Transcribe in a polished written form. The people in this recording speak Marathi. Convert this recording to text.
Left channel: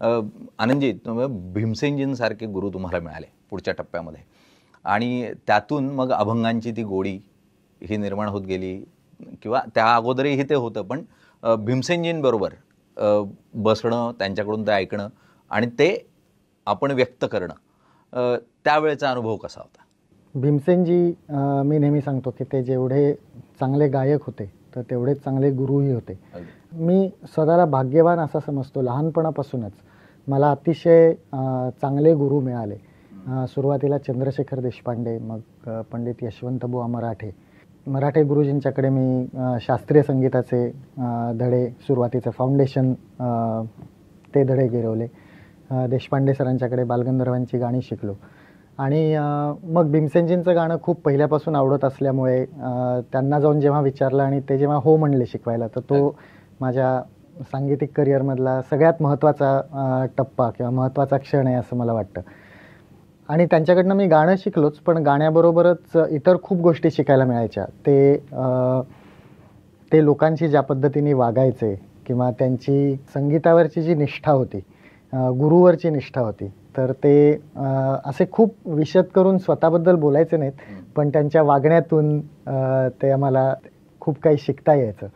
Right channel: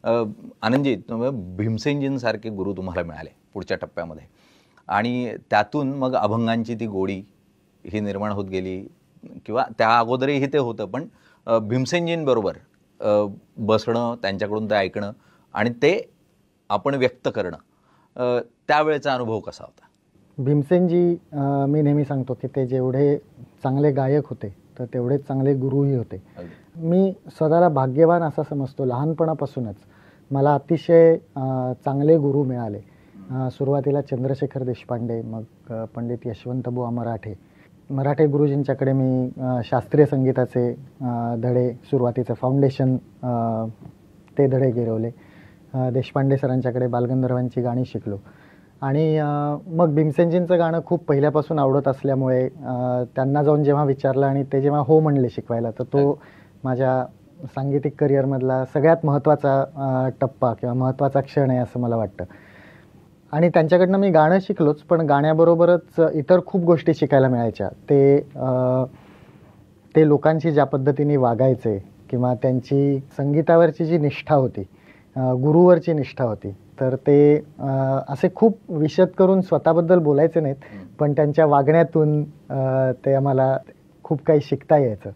आनंदजी, भीमसेनजींसारखे गुरु तुम्हाला मिळाले पुढच्या टप्प्यामध्ये आणि त्यातून मग अभंगांची ती गोडी ही निर्माण होत गेली किंवा त्या अगोदरही ते होतं, पण भीमसेनजींबरोबर बसणं, त्यांच्याकडून ते ऐकणं आणि ते आपण व्यक्त करणं, त्यावेळेचा अनुभव कसा होता? भीमसेनजी, मी नेहमी सांगतो की ते जेवढे चांगले गायक होते तर तेवढे चांगले गुरुही होते. मी स्वतःला भाग्यवान असा समजतो. लहानपणापासूनच मला अतिशय चांगले गुरु मिळाले. सुरुवातीला चंद्रशेखर देशपांडे, मग पंडित यशवंतबुवा मराठे गुरुजींच्याकडे मी शास्त्रीय संगीताचे धडे, सुरुवातीचं फाउंडेशन ते धडे गिरवले. देशपांडे सरांच्याकडे बालगंधर्वांची गाणी शिकलो आणि मग भीमसेनजींचं गाणं खूप पहिल्यापासून आवडत असल्यामुळे त्यांना जाऊन जेव्हा विचारलं आणि ते जेव्हा हो म्हणले शिकवायला, तर तो माझ्या सांगीतिक करिअरमधला सगळ्यात महत्त्वाचा टप्पा किंवा महत्त्वाचा क्षण आहे असं मला वाटतं. आणि त्यांच्याकडनं मी गाणं शिकलोच, पण गाण्याबरोबरच इतर खूप गोष्टी शिकायला मिळायच्या. ते लोकांची ज्या पद्धतीने वागायचे किंवा त्यांची संगीतावरची जी निष्ठा होती, गुरुवरची निष्ठा होती, तर ते असे खूप विशद करून स्वतःबद्दल बोलायचे नाहीत, पण त्यांच्या वागण्यातून ते आम्हाला खूप काही शिकता यायचं.